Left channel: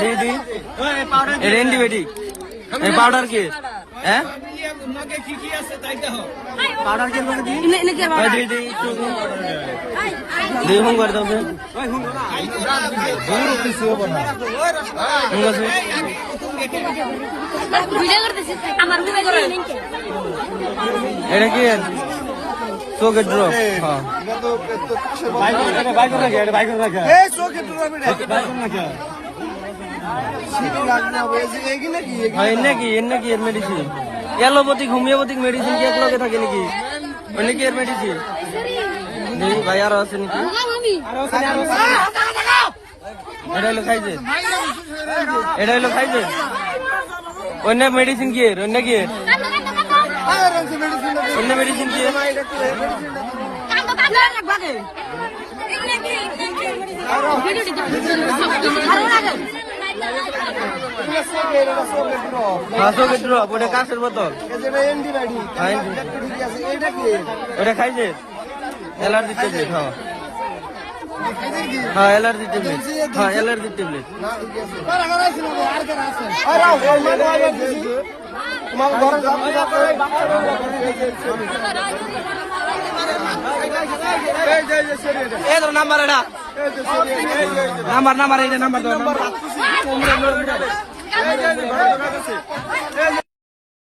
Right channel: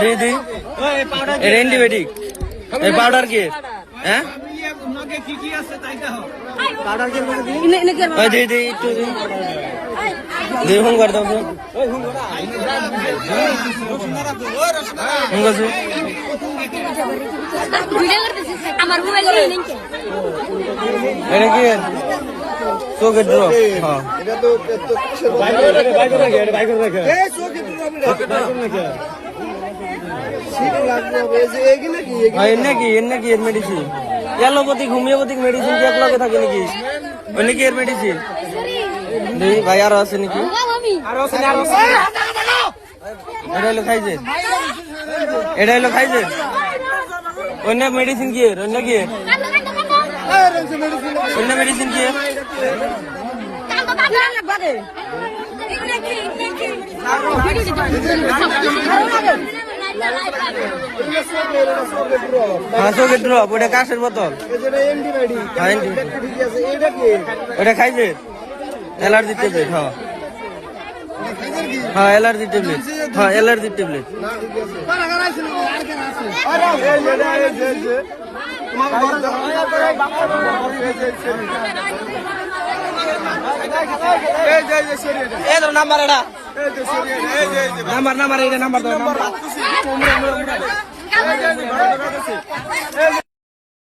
দিদি অ্যান্টিবায়োটিক এই পাউডার কি হ্যাঁ দিদি একটু হুম করে দাও এটা কি চোখের ড্রপ হ্যাঁ নাকি এর মেডিসিন অ্যালোপ্যাথিক হোমিওপ্যাথিক মেডিসিন কি এক লগে থাকে নাকি ওই নাকি এর মেডিসিন নেই ভাই আরো আছে নাকি এটা হলো খাইছে অন্য মেডিসিন কি এর অন্য কি এর অন্য মেডিসিন কি এর চোখের ড্রপ ওটা কাশের বোতল ওটা খাইছে অ্যালার্জি ট্যাবলেট হ্যাঁ allergy tablet allergy tablet number এটা নাম্বার